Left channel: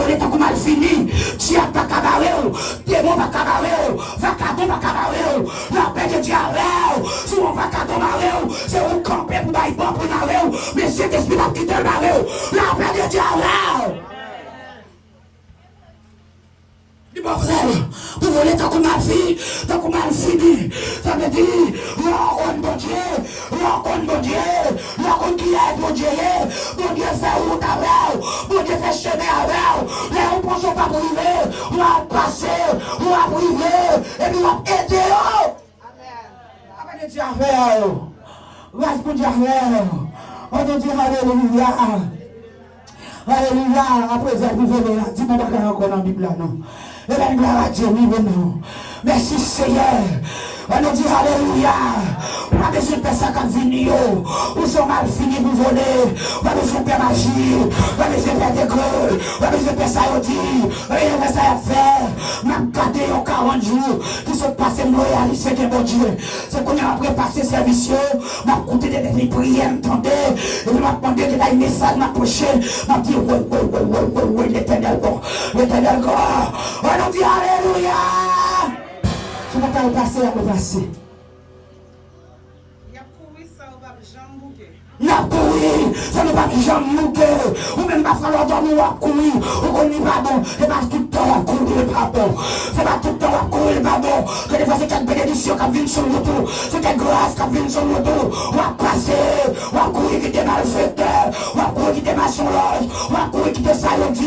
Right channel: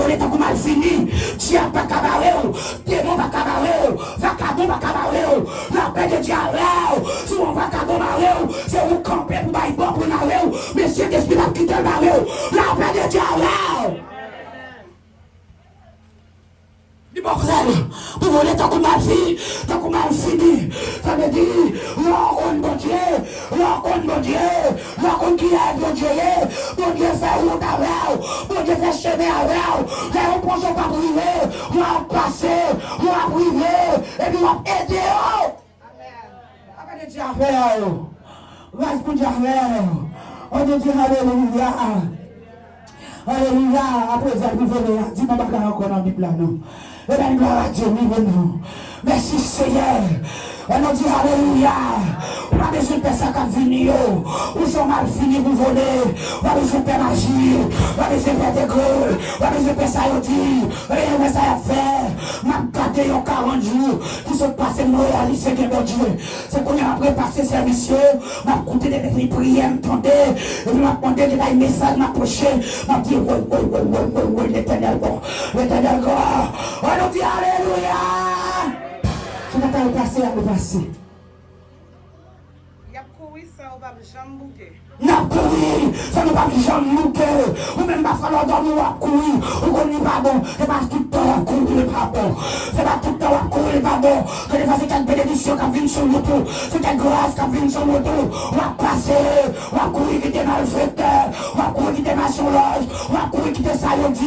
volé tant qu'on mal fini. Diable pas cabaret, démon pas cabaret, vagabond pas cabaret, la paix de diable. Si on va cabaret, c'est un campé pour bailler bon pour narrer, mais c'est esprit qui quitte le barreau, la paix de diable. Du bordel, vous voulez tant qu'on mal fini, tant qu'on mal fini. Ça veut dire, rencontre mon Dieu, rencontre mon Dieu, rencontre qui est mon Dieu, mon Dieu fait route avec, mon Dieu fait chemin avec, là on pense pas priver, on va passer, on va priver, et puis on va aider. Amen. Dieu avec, reste pour Dieu avec, on te dit alléluia. Alléluia, après ça, vous venez là, dis-moi pas encore dans la Bible là, non. Et bien, gloire à Dieu, oui, non. Merci Seigneur. On nous dit alléluia. On a besoin de personnes qui viennent. Où sont mal finis pour voler. On a besoin de faire magie. On a besoin de faire des creux. On a besoin de faire ça à dire. Rien de ça à faire. M'a gardé 40 jours qui sont passés nous réaliser que mon Dieu. C'est qu'on a après passé service. M'a coûté des prières, m'entendez. Et m'a demandé de la message, m'a approché. M'a dit, oui, l'éternel God. L'éternel God. On nous dit alléluia. Tu vas t'en passer à me passer. N'a couru, ça ne va jamais mourir. Ou même pas falloir dormir à courir. Ou qu'on n'y va bon. C'est pas tout le temps à courir, pas bon. C'est pas tout le temps à courir, pas bon. Que les fois c'est une bénédiction qui vient sur le dos. C'est une grâce qui vient sur le dos. On va passer. On va courir qui te malfaiteur. On va courir qui te machonlage. On va courir qui te salondio.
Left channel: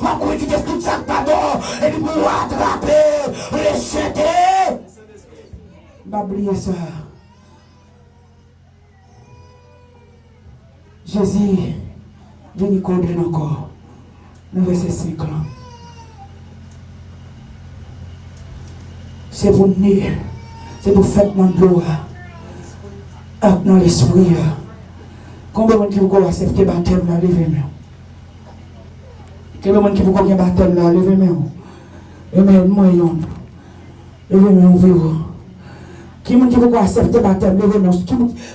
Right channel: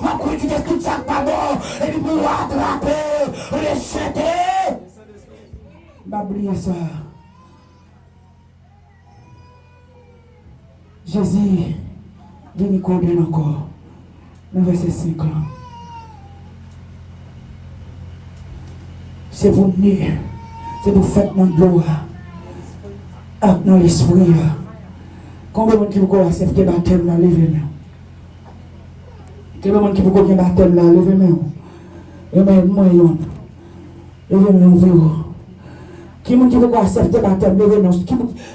On va courir qui te tout ça, pas bon. Et puis pour attraper, les jeter. On va oublier ça. Jésus, vient condamner encore. Le verset 5 là. C'est pour nous, c'est pour faire mon gloire. Avec dans l'esprit. Combien de gens qui vous accepter le baptême là, levez-moi. Combien de gens qui vous accepter le baptême là, levez-moi. Et même moi, levez-moi. Qui m'a dit que vous acceptez le baptême, levez-moi.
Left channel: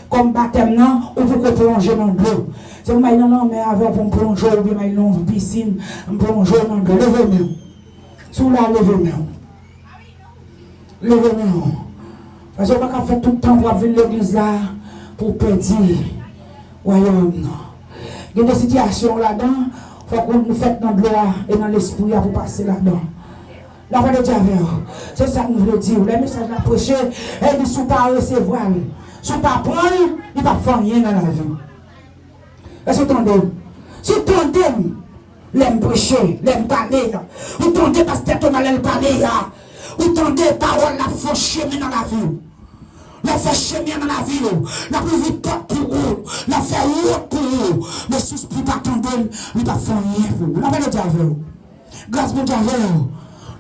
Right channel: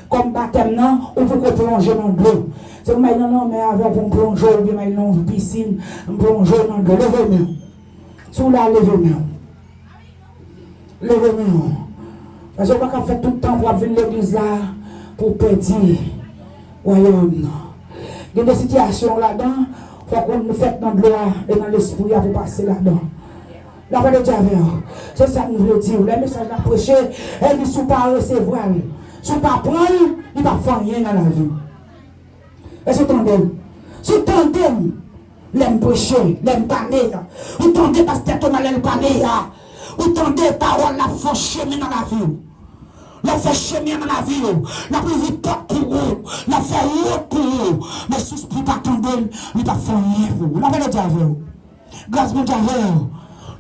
Comme baptême, non, on peut plonger dans l'eau. C'est vous m'avez non, mais avant pour plonger, ou bien dans une piscine, plonger dans l'eau. Levez-moi. Sous la levez-moi. Levez-moi. Parce qu'on va faire tout le temps pour venir à l'église là, pour perdre le royaume. Il y a des situations là-dedans, il faut qu'on nous fasse dans l'eau et dans l'esprit pour passer là-dedans. La paix de Dieu, c'est ça que nous voulons dire. Les messages à prêcher, et ne sont pas recevoir. Si vous ne pas prendre, il ne va pas faire rien dans la vie. Est-ce que vous entendez? Si vous entendez, l'aime prêcher, l'aime parler. Vous entendez parce que vous allez parler. Vous entendez parole, la fait chemin dans la vie. La fait chemin dans la vie. La plus vite pour vous. La fait route pour vous. Mais si vous ne pas attendre, il ne va pas faire rien pour vous. La paix de Dieu. Grâce à Dieu.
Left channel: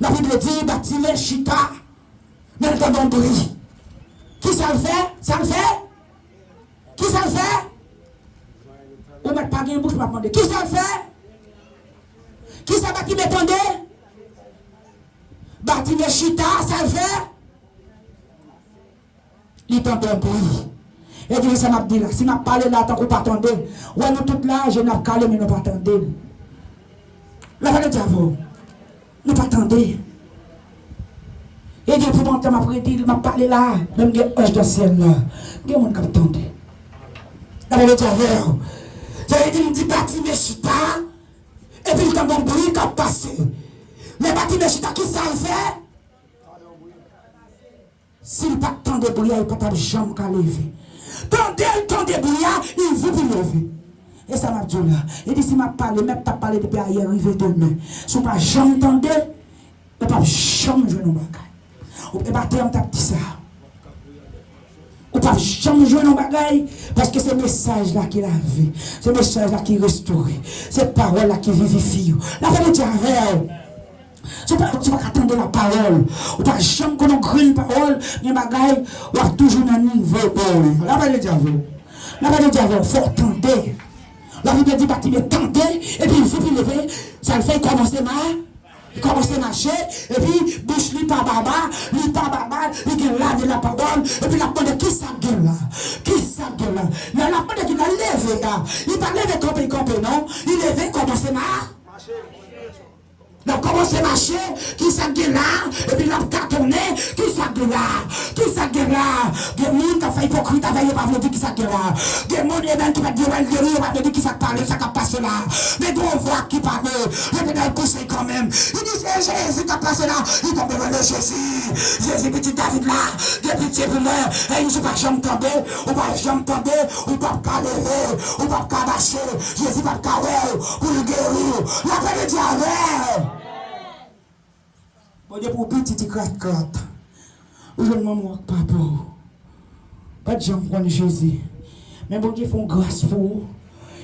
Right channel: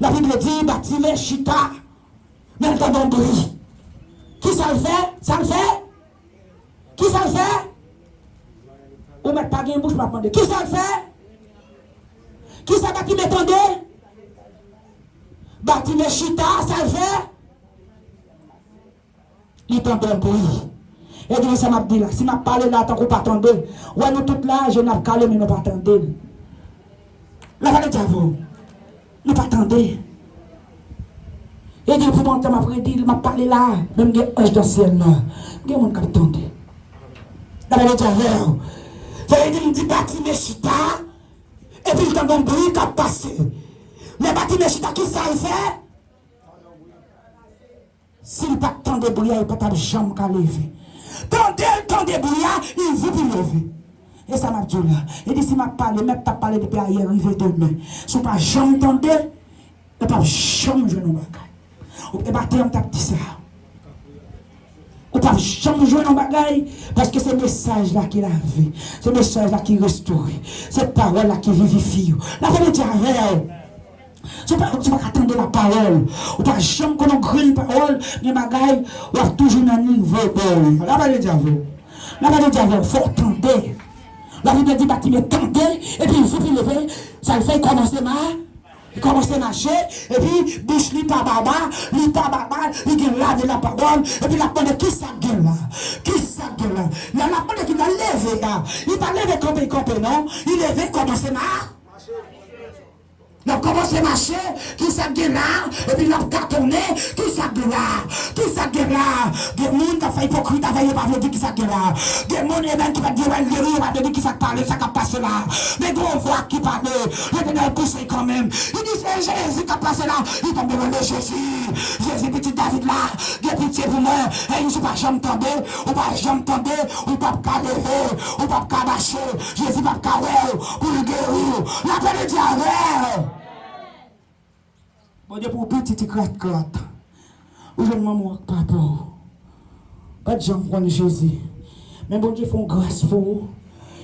La Bible dit, bâtiment chita, mais le temps d'un bruit. Qui ça le fait? Ça le fait? Qui ça le fait? Ou mettre pas de bouche pour demander. Qui ça le fait? Qui ça bâtiment attendez? Bâtiment chita, ça le fait? Il tente un bruit. Et Dieu, ça m'a dit là, si m'a parlé là, tant qu'on pas attendre, ouais, nous toutes là, je n'ai calé, mais nous pas attendre. La valeur de vous. Ne pas attendre. Et Dieu, pour mon temps, il m'a parlé là, même des anges dans le ciel là. Il y a des gens qui attendent. La vérité est ça veut dire qu'il bâtiment chita, et puis il y a un bruit qui a passé. Les bâtiments chita, qui ça le fait? S'il n'y a pas tant de bruit, il n'y a pas de jambe qui a levé. Tant de bruit, il veut plus lever. Et ça m'a dit là. Et d'ici m'a parlé, même t'as parlé depuis hier, arrivé demain. Si on n'a jamais entendu, on n'a jamais joué dans le bagage. Et baptême t'a dit ça. On n'a jamais joué dans le bagage parce que c'est le message là qui l'a vu. C'est le message là qui restaure. C'est la parole là qui vivifie. La vérité est tu ne peux pas attendre la parole. On n'a jamais qu'on a une parole, mais bagaille, on a toujours un niveau. La vérité est la vérité est il faut attendre. La Bible dit bâtiment tenté, et puis il faut qu'il lever, ça le fait commencer à marcher, et puis bouche lui pas baba, il gueule là de la parole, et puis la parole qui ça gueule là? Qui ça gueule là? La parole qui va lever là, il va lever comme non? Il lever commencer à marcher. Nous commençons à marcher, qui s'est là, et puis nous avons cartonné, qui s'est là, qui s'est là. Des gens qui ont fait hypocrite, qui n'ont pas dit qui s'est là. Des gens qui ont dit qui s'est parlé, ça qui passe là. Des gros voix qui parlent, les gens qui poussent quand même. Ils disent c'est Jésus qui a passé là. Ils tombent dans le Jésus. Jésus, petit David là, des pitié pour moi. Et ils ne sont pas jamais tombés, ou pas jamais tombés, ou pas qu'à lever, ou pas qu'à marcher. Jésus va qu'à pour le guérir. La paix de Dieu. Bon Dieu pour petit crotte. Ou je ne m'en pas pour. Pas de gens prendre Jésus. Mais bon Dieu font grâce pour vous.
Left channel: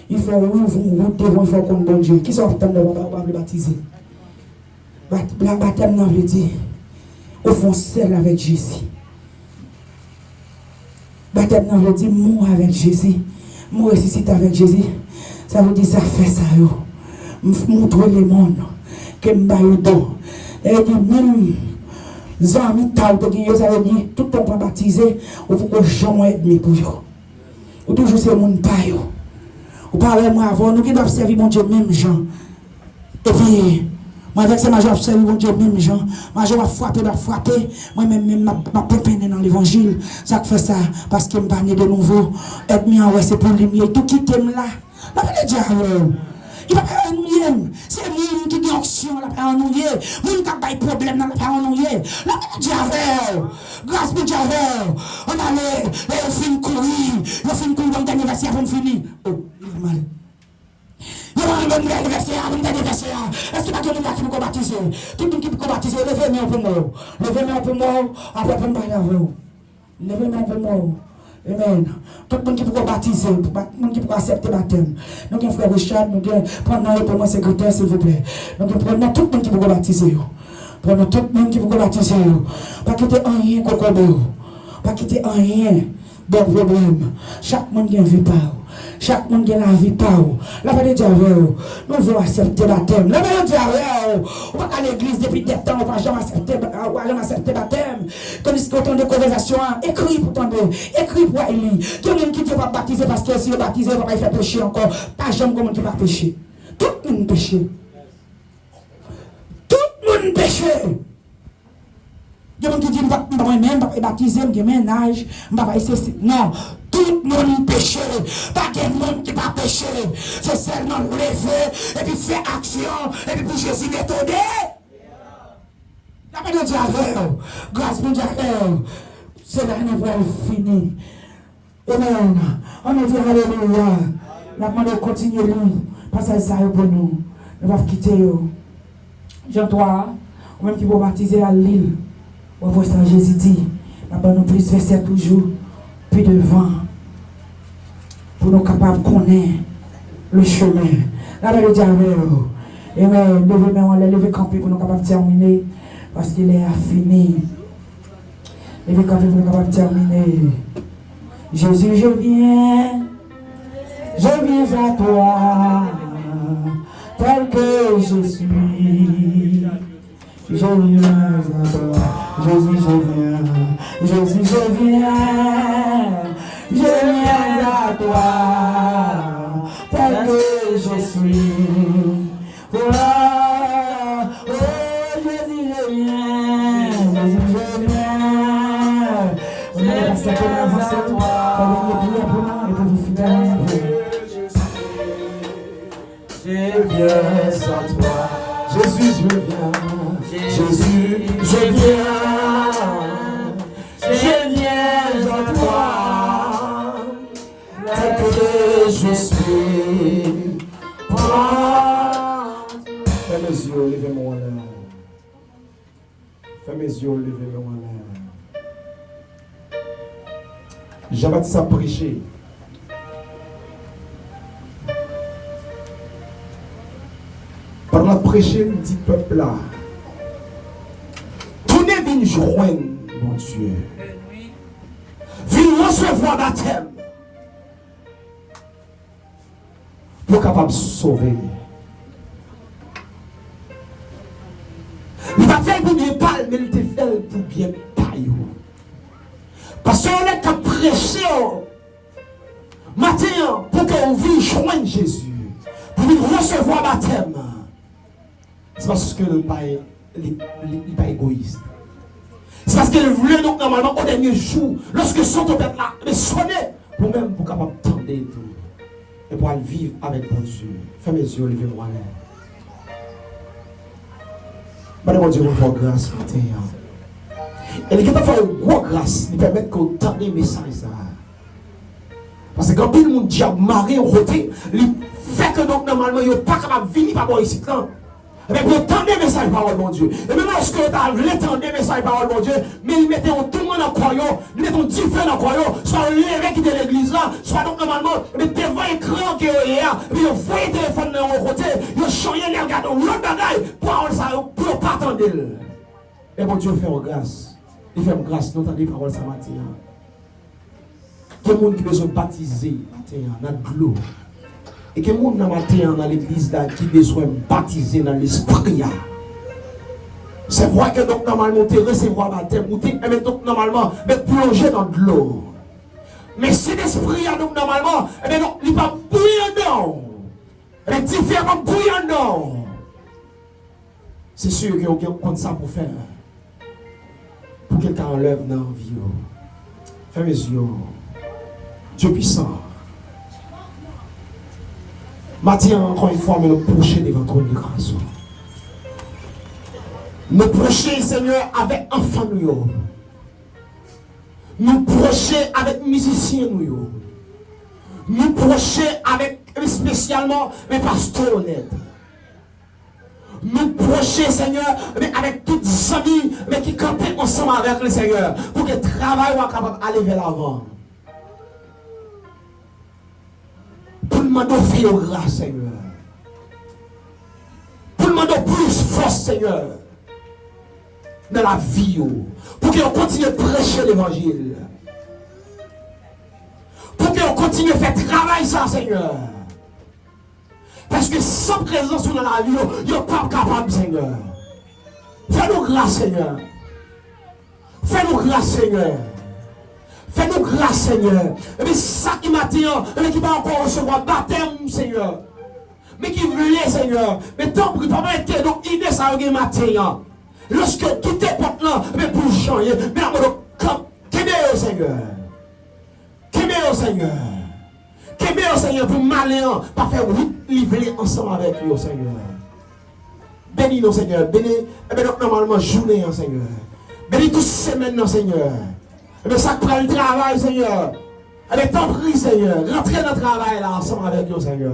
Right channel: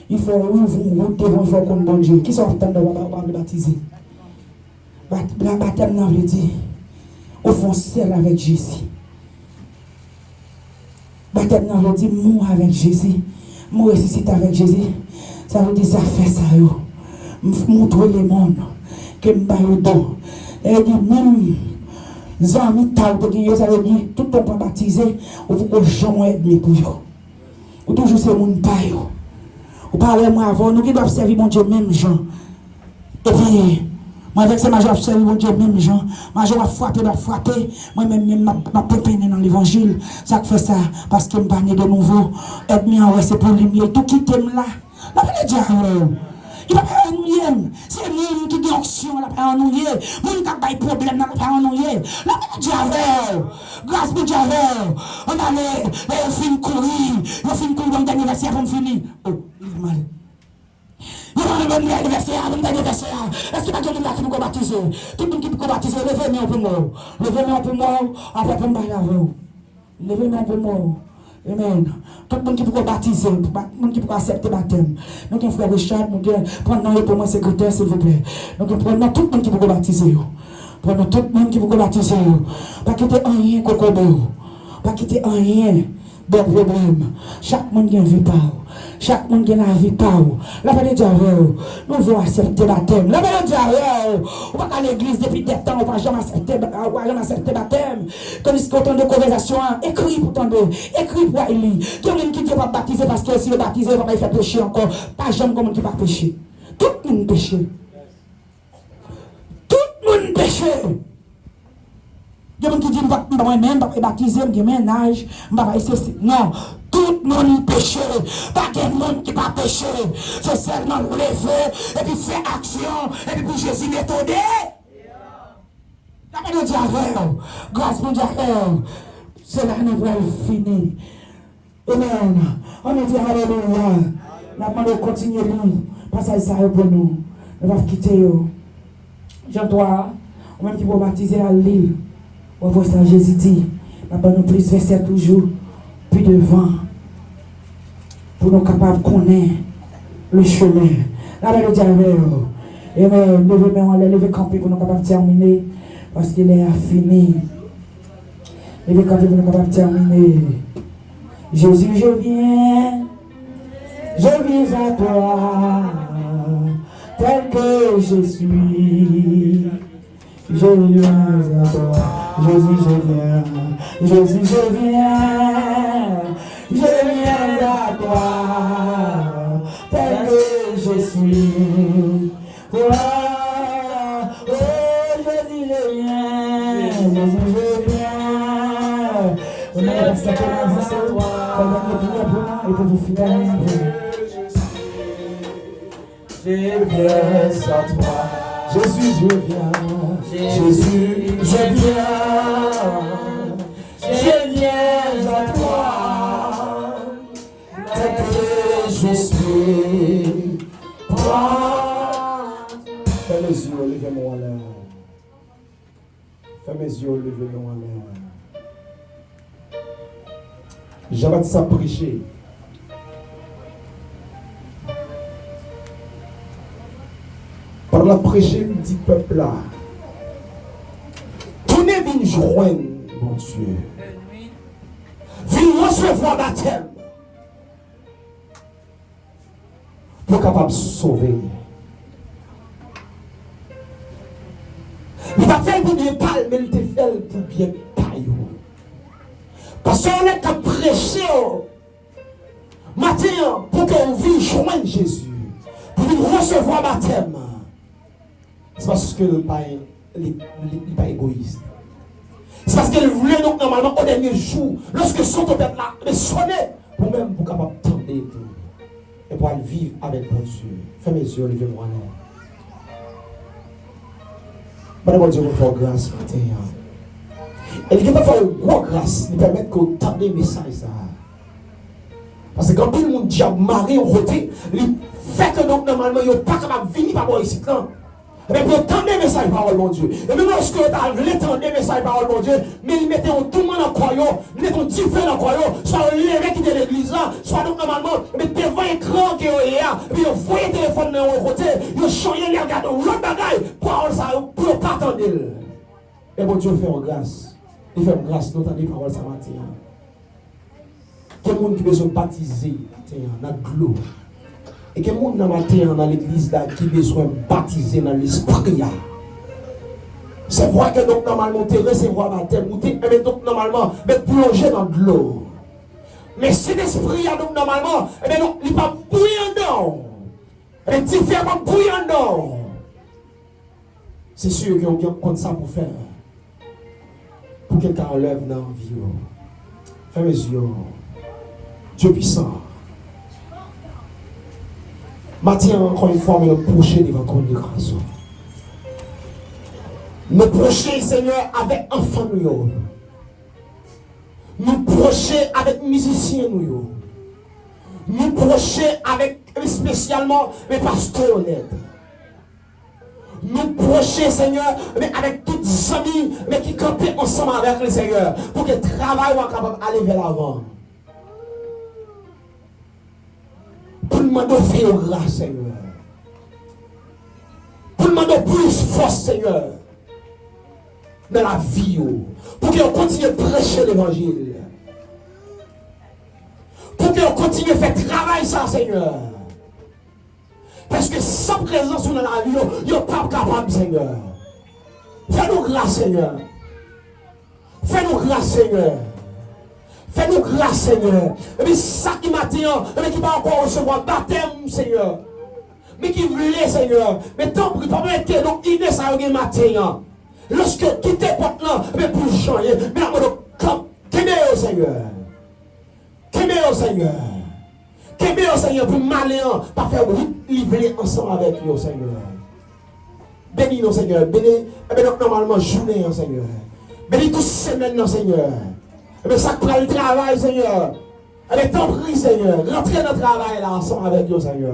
Il faut ouvrir une route devant, il faut comme bon Dieu. Qui sont en train de baptiser? La baptême n'a veut dire au fond seul avec Jésus. Baptême n'a veut dire mourir avec Jésus. Mourir ressusciter avec Jésus. Ça veut dire ça fait ça. Montrer le monde que je suis don. Et dit même les amis ça veut dire tout le monde baptisé, il faut que Jean aide pour eux. Ou toujours c'est mon paille. Ou parlez moi avant, nous qui doivent servir mon Dieu même Jean. Et puis, moi avec ces majors servir mon Dieu même Jean. Major va frapper. Moi-même, ma pépine dans l'évangile. Ça fait ça, parce que je ne pas né de nouveau. Aide-moi, c'est pour lumière. Tout qui t'aime là. La paix de Dieu. Il va pas ennuyé. C'est lui qui dit action, la paix ennuyé. Lui qui a pas de problème, la paix ennuyé. La paix de Dieu. Grâce pour Dieu. On a les films courir. Les films courir dans l'anniversaire pour finir. Oh, il est mal. Il va me l'anniversaire, est-ce qu'il y a quelqu'un qui peut baptiser? Tout le monde qui peut baptiser, levez-moi pour moi. Levez-moi pour moi, après pour moi. Levez-moi pour moi. Amen. Tout le monde qui peut baptiser, tout le monde qui peut accepter le baptême. Nous avons frère Richard, nous avons prenons pour moi secrétaire, s'il vous plaît. Nous prenons tout le monde qui peut baptiser. Prenons tout le monde qui peut baptiser. Pas quitter rien, cocobo. Pas quitter rien. Bon problème. Chaque monde qui a une vie par. Chaque monde qui a la vie par. La paix de Dieu, nous voulons accepter le baptême. La paix de Dieu, on va à l'église depuis des temps, on va jamais accepter le baptême. Tandis qu'autant de conversations, écrit pour tomber, écrit pour aller. Tout le monde qui dit pas baptiser parce que si vous baptisez, vous ne va pas faire pécher encore. Pas jamais comme qui va pécher. Tout le monde péche. Tout le monde péche. Il y a des gens qui disent que moi-même, je ne vais pas baptiser, je ne vais pas âge, je ne vais pas essayer. Non, tout le monde péché. Pas de monde qui va pécher. C'est seulement vous lever, et puis faire action, et puis pour Jésus m'étonner. La paix de Dieu, grâce pour Dieu, c'est là que nous allons finir. Amen. On nous dit alléluia. La demande de continuer nous. Passage ça pour nous. Nous allons quitter. Jean-Toi, ou même qui va baptiser à l'île. On voit ça, Jésus dit, nous plus verset toujours, plus devant, pour nous capables de connaître le chemin. La paix de Dieu, amen. Levez camper pour nous capables de terminer, parce qu'il est fini. Levez camper pour nous capables de terminer. Jésus, je viens à toi, tel que je suis. Je viens à toi. Jésus, je viens à toi, tel que je suis. Oh, Jésus, je viens. On a la septième à toi, pendant que priez pour nous et pour vous fidèles. Je viens à toi, Jésus, je viens. Jésus, je viens à toi, tel que je suis. Fermez mes yeux, levez-moi en l'air. Fermez mes yeux, levez-moi en l'air. Jean-Baptiste a prêché. Par la prêcher, nous dit peuple là. Viens joindre, mon Dieu. Viens recevoir baptême. Pour capable de sauver. Il va faire pour bien parler, mais il te fait pour bien tailler. Parce qu'on est qu'à prêcher matin pour qu'on vienne joindre Jésus. Pour recevoir baptême. C'est parce que le Père n'est pas égoïste. C'est parce qu'il voulait donc normalement au dernier jour, lorsque son trompette là, mais sonner, pour même pour capable tendre tout. Et pour aller vivre avec mon Dieu. Fermez mes yeux, levez-moi là. Madame Dieu, vous faire grâce matin. Et il va faire une grosse grâce, il permet que vous tendez les messages. Parce que quand tout le monde dit marié au côté, il fait que donc normalement, il n'est pas capable de venir par rapport ici. Mais pour tendre les messages parole mon Dieu. Et même lorsque tu as l'étendre les messages parole mon Dieu, mais ils mettaient tout le monde en croyant, ils mettaient différents en croyant, soit les qui de l'église là, soit donc normalement, mais devant l'écran qui est là, puis ils voyaient le téléphone de l'autre côté, ils changeaient les regards, l'autre bagaille, parole ça, pour ne pas attendre. Et mon Dieu fait en grâce. Il fait en grâce, nous entendons parole ça matin. Quel monde qui besoin de baptiser dans de l'eau. Et quel monde dans l'église là qui besoin de baptiser dans l'esprit. C'est vrai que donc normalement tu recevoir baptême ou tu donc normalement mais plonger dans de l'eau. Mais cet esprit là donc normalement il n'est pas bouillant. Il est différent bouillant. C'est sûr qu'il y a comme ça pour faire. Pour que quelqu'un enlève dans la vie. Fermez les yeux. Dieu puissant. Matin, encore une fois, mais nous procher devant ton de grâce. Nous procher, Seigneur, avec enfants nous. Nous procher avec musiciens nous. Nous procher avec spécialement les pasteurs honnêtes. Nous procher, Seigneur, mais avec toutes les amis mais qui campent ensemble avec le Seigneur pour que le travail soit capable d'aller vers l'avant. Pour demander faire grâce, Seigneur. Pour demander plus force, Seigneur, dans la vie. Pour qu'on continue de prêcher l'évangile. Pour qu'on continue de faire travail, ça, Seigneur. Parce que sans présence dans la vie, ils ne sont pas capables, Seigneur. Fais-nous grâce, Seigneur. Fais-nous grâce, Seigneur. Fais-nous grâce, Seigneur. Mais ça qui m'attend, mais qui va encore recevoir baptême, Seigneur. Mais qui voulait, Seigneur. Mais tant pis, pas mettre donc idée ça au matin. Lorsque quitter porte là, mais pour changer, mais comme qu'aimer au Seigneur. Qu'aimer au Seigneur. Qu'aimer au Seigneur pour malin, pas faire livrer ensemble avec lui, Seigneur. Bénis nous, Seigneur. Bénis, normalement, journée, Seigneur. Bénis toute semaine, Seigneur. Mais ça prend le travail, Seigneur. Mais t'en prie, Seigneur. Rentrez dans le travail là ensemble avec nous, Seigneur.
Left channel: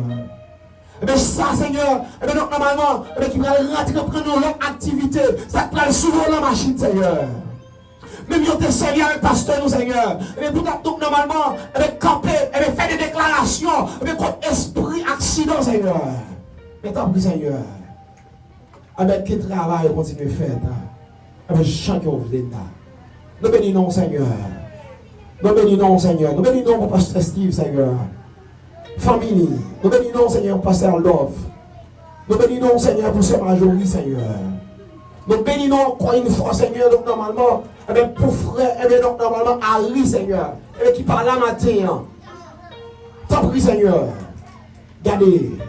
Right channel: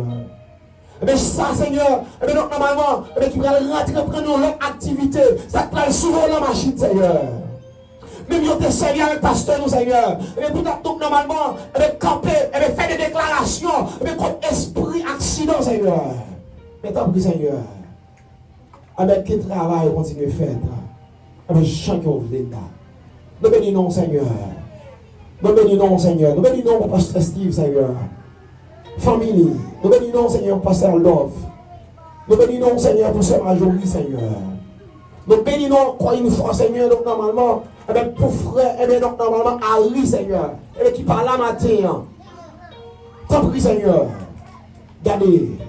Mais ça, Seigneur, donc normalement, tu vas rentrer prendre l'autre activité. Ça prend souvent la machine, Seigneur. Même si tu es sérieux avec le pasteur, nous, Seigneur. Mais pour donc normalement, camper, faire des déclarations, contre esprit accident, Seigneur. Mais t'en prie, Seigneur. Avec quel travail continue à faire, avec chacun qui vous êtes là. Nous bénissons, Seigneur. Nous bénissons, Seigneur. Nous bénissons pour Pasteur Steve, Seigneur. Famille. Nous bénissons, Seigneur, pour Pasteur Love. Nous bénissons, Seigneur, pour Sœur Majorie, Seigneur. Nous bénissons encore une fois, Seigneur, donc normalement, pour frère, donc normalement, Harry, Seigneur, qui parle là matin. T'en prie, Seigneur. Gardez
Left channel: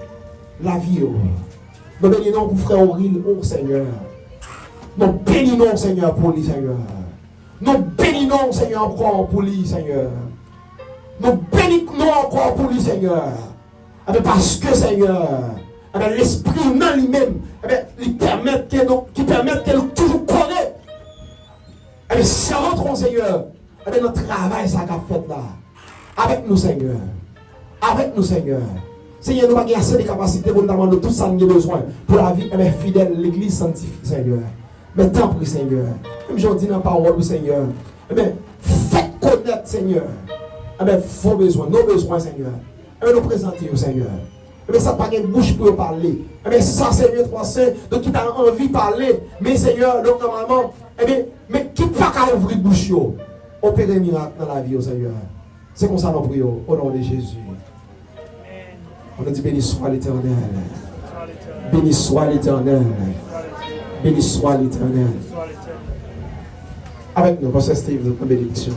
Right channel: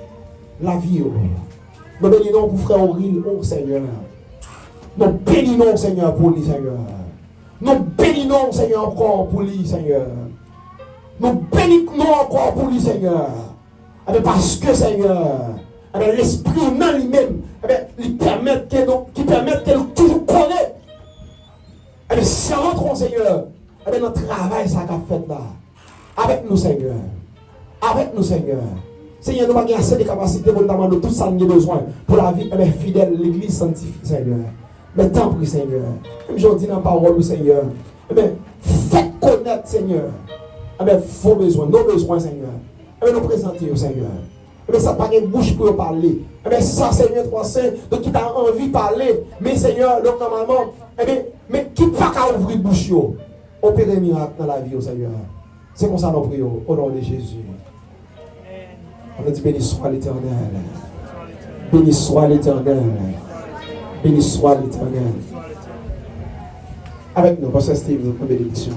la vie. Nous bénissons pour frère Auril, oh Seigneur. Nous bénissons, Seigneur, pour lui, Seigneur. Nous bénissons, Seigneur, encore pour lui, Seigneur. Nous bénissons encore pour lui, Seigneur. Parce que, Seigneur, l'esprit humain lui-même, il permet qu'elle toujours connaît. C'est notre Seigneur, notre travail, ça qu'a fait là. Avec nous, Seigneur. Avec nous, Seigneur. Seigneur, nous avons assez de capacités pour nous demander tout ça nous avons besoin pour la vie fidèle, l'église sanctifiée, Seigneur. Mais tant pis, Seigneur. Comme je dis dans la parole, Seigneur. Faites connaître, Seigneur. Vos besoins, nos besoins, Seigneur. Nous présenter, Seigneur. Ça n'a pas de bouche pour parler. Ça, Seigneur, toi, donc qui t'a envie de parler. Mais, Seigneur, donc normalement, mais qui pas qu'à ouvrir bouche, opérer miracle dans la vie, Seigneur. C'est comme ça, nous prions, au nom de Jésus. On a dit béni soit l'Éternel. Béni soit l'Éternel. Béni soit l'Éternel. Avec nous, Pasteur Steve, notre bénédiction.